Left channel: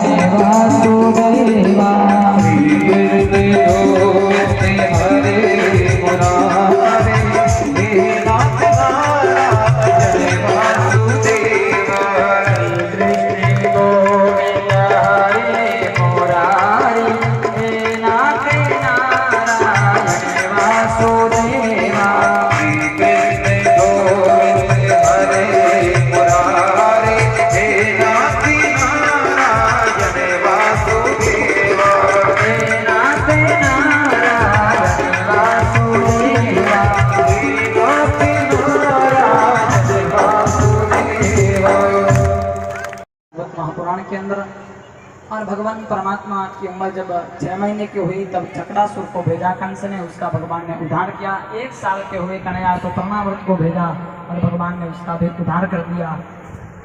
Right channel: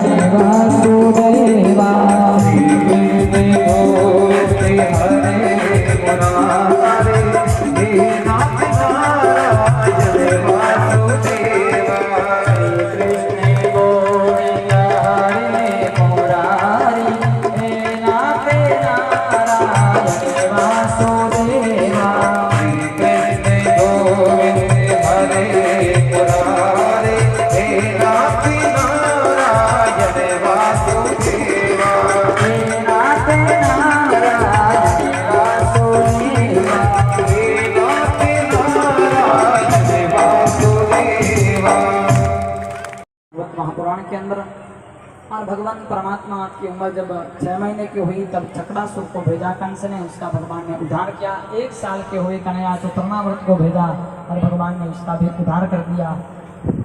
वासुदेवा महापुराण के अंदर। और भगवान परमात्मा की उम्र जब 6 महीने की हुई तब चकड़ासुर को भेजा कंस ने, उसका भगवान ने उद्धार किया। 1 साल के हुए कन्हैया तो तृणावर्त को भेजा और भगवान ने उसका भी उद्धार कर दिया।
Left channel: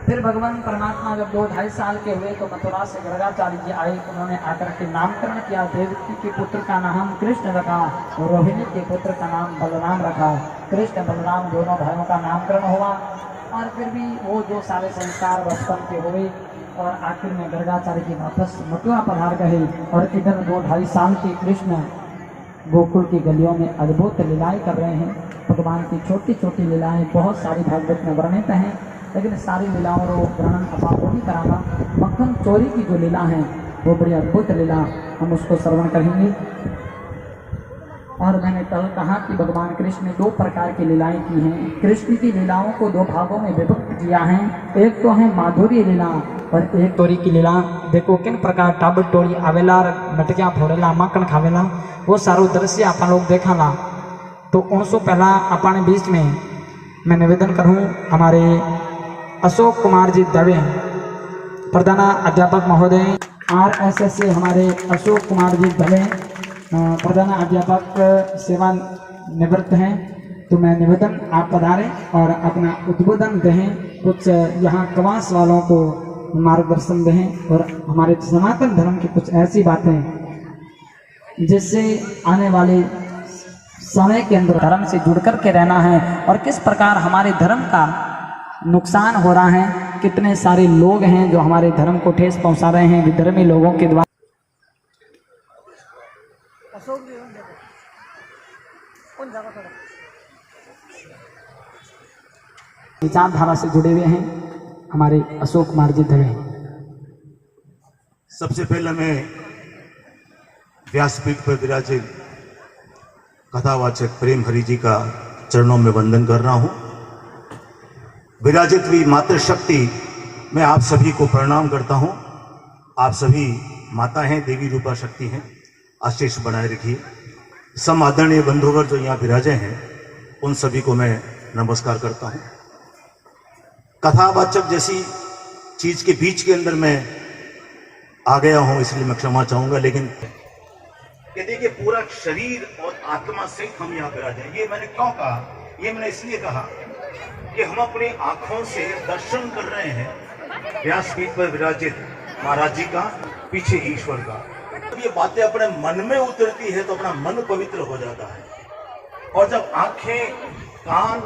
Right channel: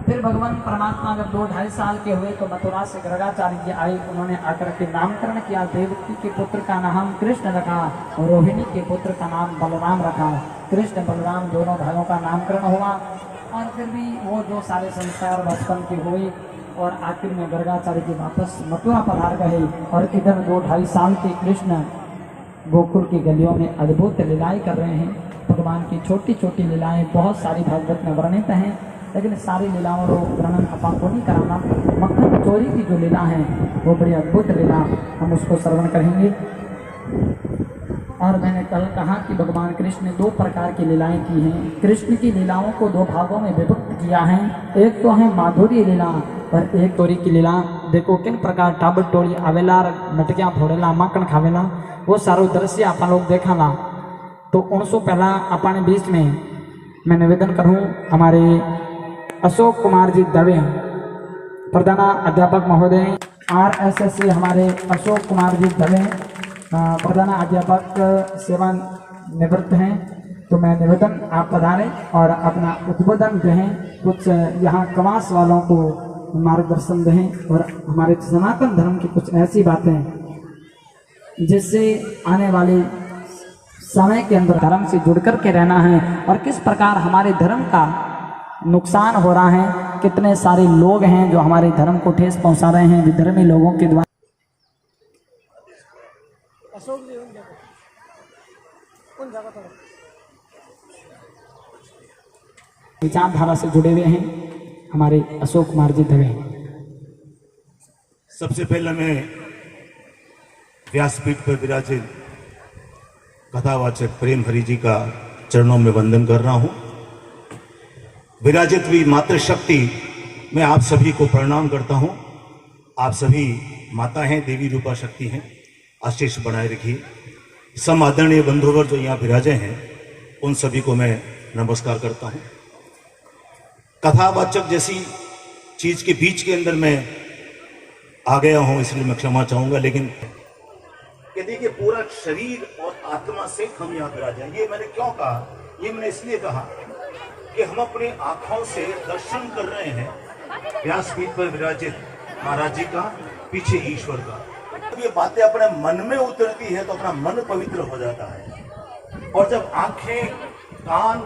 फिर भगवान परमात्मा जब 2-2.5 साल के हुए तो मथुरा से गर्गाचार्य जी आए। उन्होंने आकर के नामकरण किया। देवकी के पुत्र का नाम कृष्ण रखा और रोहिणी के पुत्र का नाम बलराम रखा। कृष्ण बलराम दोनों भाइयों का नामकरण हुआ। और फिर भी वो जो सारे संस्कार बचपन के हुए और आखिर में गर्गाचार्य जी वापस मथुरा पधार गए। और इधर 2-2.5 साल के कृष्ण गोकुल की गलियों में अद्भुत लीलाएं कर रहे हैं। भगवान की छोटी छोटी लीलाएं बहुत सारी भागवत में वर्णित हैं, लेकिन सारी लीलाओं को वर्णन अपन को नहीं कराना। मक्खन चोरी की जो लीला है वो बड़ी अद्भुत लीला, हम उसको श्रवण करेंगे। और मैंने कल कहा कि भगवान कृष्ण ने 2 प्रकार की लीलाएं की हैं। कृष्ण की लीलाओं को 2 भागों में विभक्त किया है। एक तो है माधुरी लीला और एक तोरी की लीला। देखो किन प्रकार टाबर टोली आवेला, नटकिया फोड़ेला, माखण खावेला, वो सारो दृश्य अपन लोग देखाला। तो उनसे पहला अपन बीच में मैं निवेदन करूँ, हमारे अशोक कुमार जी दवे प्रधान अध्यापक महोदय RSS से, हमारे अशोक कुमार जी दवे प्रधान अध्यापक सेवा निवृत्त हैं। तो मैं निवेदन आप पधारें और अपना उद्बोधन दें, कुछ यहाँ कवास वालों को मार्गदर्शन दें और हमारे सनातन धर्म की कुछ ऐसी बातें जिससे आने वाले समय के अंदर धर्म से जुड़ कर के रहना है और किस प्रकार हमारे धर्म का नुकसान हो रहा है। कितने सारे लोग हैं जो हमारे धर्म को ठेस पहुंचा रहे हैं विधर्मी लोगों के द्वारा। विचारधारा से जुड़े हुए हैं हमारे अशोक कुमार जी दवे। सबसे पहले मैं व्यासपीठ पर विराजित कथावाचक प्रेम हरि जी का चरणों में वंदन कर रहा हूं। विराजित हुई मातृशक्ति मैं आप सभी को प्रणाम करता हूं। आप सभी माता हैं, देवी रूपा शक्ति हैं, आशीष बनाए रखिए। सम आदरणीय बंधुवर जो यहाँ विराजे हैं उन सभी को मैं नमस्कार करता हूं। कथावाचक जैसी चीज के बीच के अंदर मैं आ गया हूं, इसलिए मैं क्षमा चाहूंगा। लेकिन देखिए पूरा शरीर और आत्मा से हम यहाँ विराजे हैं। ये मैंने क्यों कहा? ये मैंने इसलिए कहा कि हम अपनी आंखों से दर्शन कर रहे हैं व्यासपीठ पर विराजित महाराज जी का, पीछे ईश्वर का। जब ये बातें अपने मन में उतरती है तो अपना मन पवित्र हो जाता है। और जब आंखें, कान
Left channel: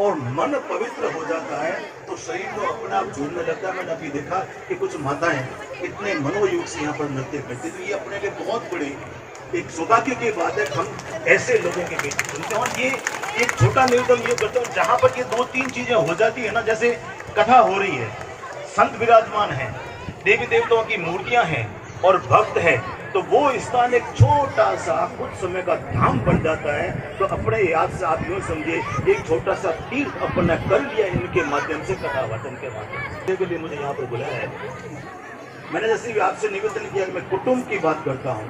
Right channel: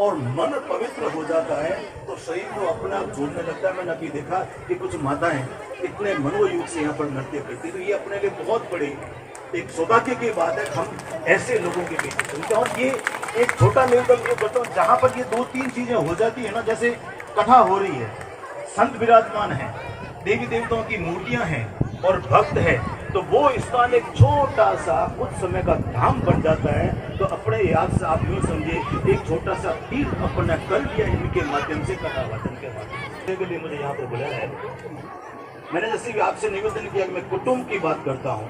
और मन पवित्र हो जाता है तो शरीर को अपने आप जोड़ने लगता है। मैंने अभी देखा कि कुछ माताएं इतने मनोयोग से यहाँ पर नृत्य करती, तो ये अपने लिए बहुत बड़ी एक सौभाग्य की बात है। हम ऐसे लोगों के बीच सुनते हैं। और ये एक छोटा निवेदन ये करता हूँ, जहाँ पर ये 2-3 चीजें हो जाती है ना, जैसे कथा हो रही है, संत विराजमान है, देवी देवताओं की मूर्तियां हैं और भक्त है, तो वो स्थान एक छोटा सा कुछ समय का धाम बन जाता है। तो अपने याद से आप यूं समझिए एक छोटा सा तीर्थ अपने कर लिया इनके माध्यम से, कथा वाचन के माध्यम से। के लिए मुझे यहाँ पर बुलाया है। मैंने जैसे भी आपसे निवेदन किया, मैं कुटुंब की बात करता हूँ,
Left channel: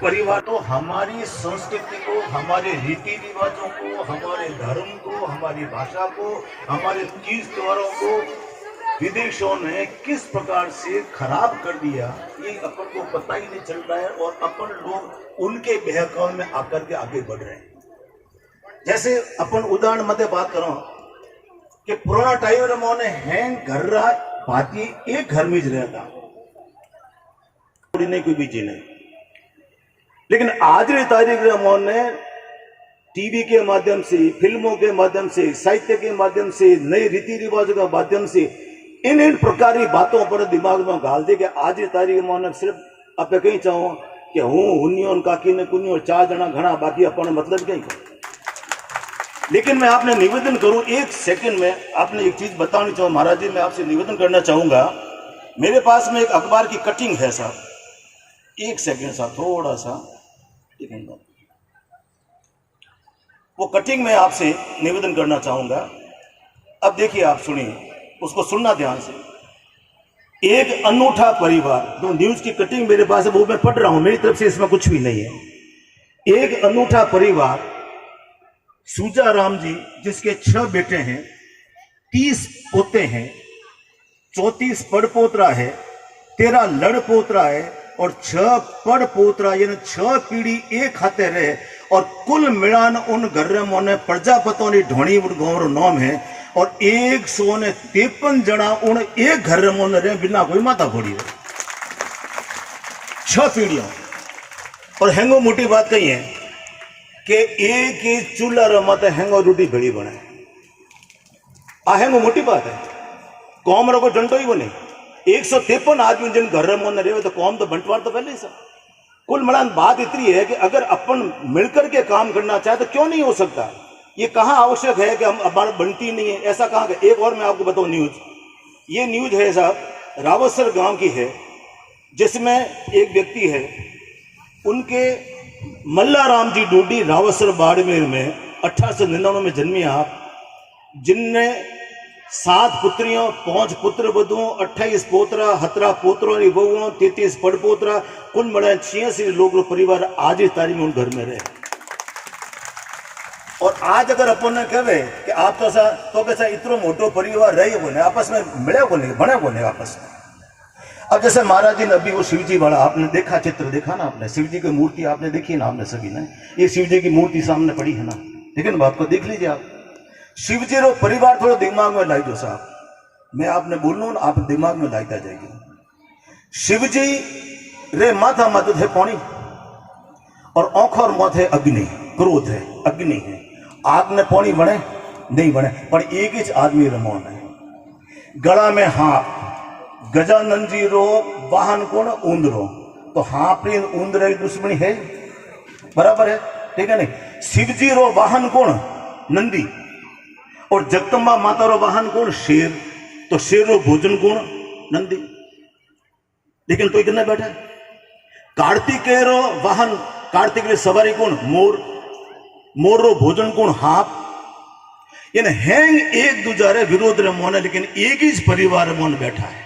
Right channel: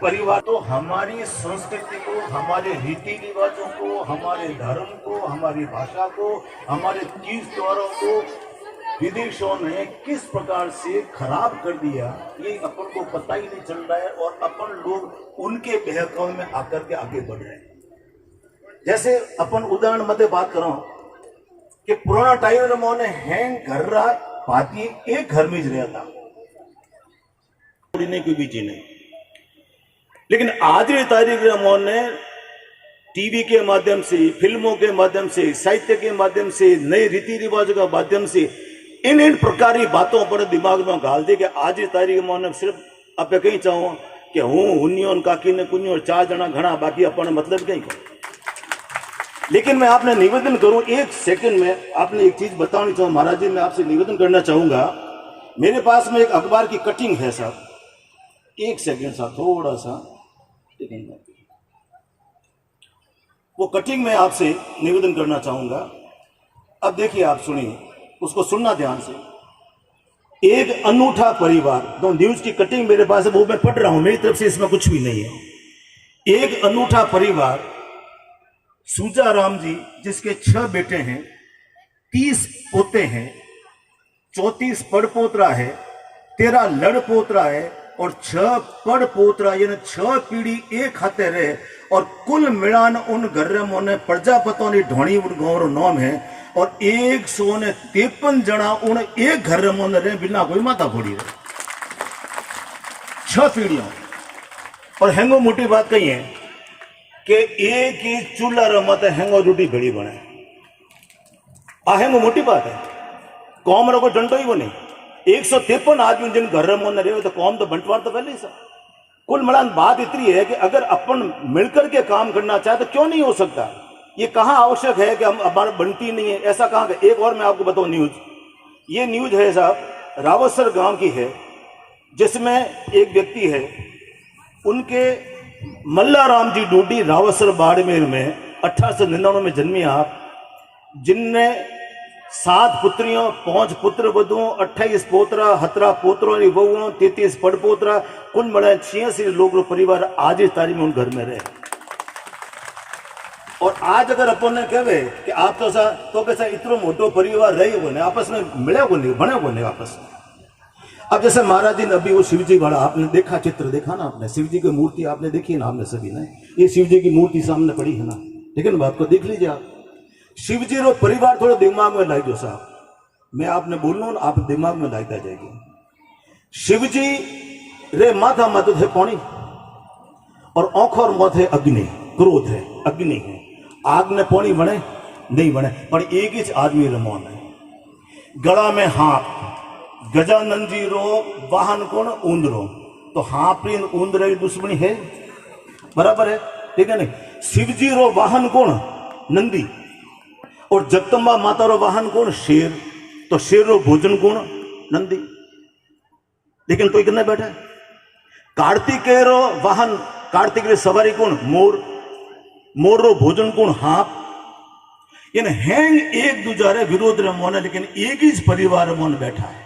परिवार। तो हमारी संस्कृति को, हमारे रीति रिवाजों को, हमारे धर्म को, हमारी भाषा को, हमारे तीर्थ द्वारों को विदेशों ने किस प्रकार से खराब कर दिया, ये अपन को पता ही नहीं चल रहा है। और अपन लोग उनके बहकावे में आकर के आगे बढ़ रहे हैं। जैसे अपन उदाहरण मध्य बात करो कि पुराना टाइम में हैं घर रात भाती एक घर में रहता कोई भी चीज नहीं। लेकिन आज की तारीख में टीवी के माध्यम से, फिल्मों के माध्यम से, साहित्य के माध्यम से, नए रीति रिवाजों के माध्यम से इन प्रकार की बातों पर दिमाग में गाल दे कि आज की तारीख में उन्हें सिर्फ आप कहीं चाहो कि हूँ हुनियो काकी ने कुनियो 4 जना घना बाकी अपन मतलब कहीं को। लेकिन मैं आपने निवेदन करूं 1 सेकंड में आपने एक चीज बतानी चाहूँ महाराज जी, मैं आपसे निवेदन करना चाहूंगा। मेरे पास में एक अखबार की कटिंग है साहब, 1 सेकंड साहब, थोड़ा सा वो कटिंग में आपसे निवेदन करना चाहूंगा। अब देखिए, आप सुनिए, उसको सुनना ध्यान से। एक अनूठा परिवार, जो न्यूज की कटिंग मेरे पास है वो मैं पढ़ रहा हूं, मेरी तरफ से इसमें कुछ भी नहीं है। एक अनूठा परिवार, सूजा राम जी जिसके 6 बेटे हैं, 30 पोते हैं, 34 पड़पोतरा है, 13 लड़पोतरा है और 6 पड़पोतरा, यानी 6 पीढ़ी एक हाथे रहे। और कुल मिलान उन घर में प्रजापतों की ढोणी गांव रो नाम है और 153 जना उन एक घर में रहे बिना कोई माता फोड़ी रहे, 6 पीढ़ियां। और हैंगो मोटी बात कही है कि एक ही चूल्हा रो मत हैंगो रोटी भेड़ी बने, आ हैंगो मोटी बात है। कौम रो कोई डंडो ही बने, 153 आदमी जिन घर में रहे तो कौम तो बंटवार तो पहले ही सब। कुल मिलान बात इतनी है कि अगर अपन मिलकर के काम करना चाहे तो क्यों नहीं हो सकता। ये कहाँ आवश्यक है कि हम हमारे बनती नहीं है, ऐसा कहाँ। एक और मैं आपको बताऊं न्यूज, ये न्यूज है साहब रावतसर गांव की है, जिसमें एक व्यक्ति है, उनके मल्लाराम जी डूडी रावतसर बाड़मेर में 1899 में जन्मी आप, जिनने 7 पुत्रियों, 5 पुत्र वधुओं, 28 पोतरा, 17 पोतरों की बहुओं, 33 पड़पोतरा, कुल मिला 86 लोग परिवार आज इस तारीख में उन घर में रहे। और आज अगर अपन ने कहे कि आप तो कैसा इतना मोटो परिवार रहे बोले, आपस में मिले बोले, बने बोले आपस में। अब जैसे महाराज जी ने अभी वो शिव जी वाला आपने देखा, चित्र देखा ना आपने, शिव जी की मूर्ति आपने देखी ना आपने सभी ने, ये शिव जी की मूर्ति सामने पड़ी है ना, ठीक है ना, बात को देख लीजिए आप। शिव जी रो परिवार थोड़ा दिमाग में लाई दो साहब, मैं आपने बोलूं ना आप दिमाग में लाईता जाएगी। शिव जी रे माथा मत है पानी और आंखों मत है अग्नि, क्रोध है, अग्नि है, आग ने पानी बने नहीं बने, पर एक ही आदमी रे मौन है। गला में हाथ, गजानन जी रो वाहन कौन, ऊंदरो, तो हापी ऊंदरे दुश्मनी है, बराबर है, ठीक है नहीं। शिव जी रो वाहन कौन, नंदी, और जगदम्बा माता रो वाहन कौन, शेर, तो शेर रो भोजन कौन, नंदी। लेकिन तो इतना बैठा। कार्तिकेय रो वाहन, कार्तिक रो सवारी कौन, मोर, मोर रो भोजन कौन, हाप। यानी हैंग एक दूजा रे विरोध रे मोने, लेकिन एक ही परिवार मोन बैठा है।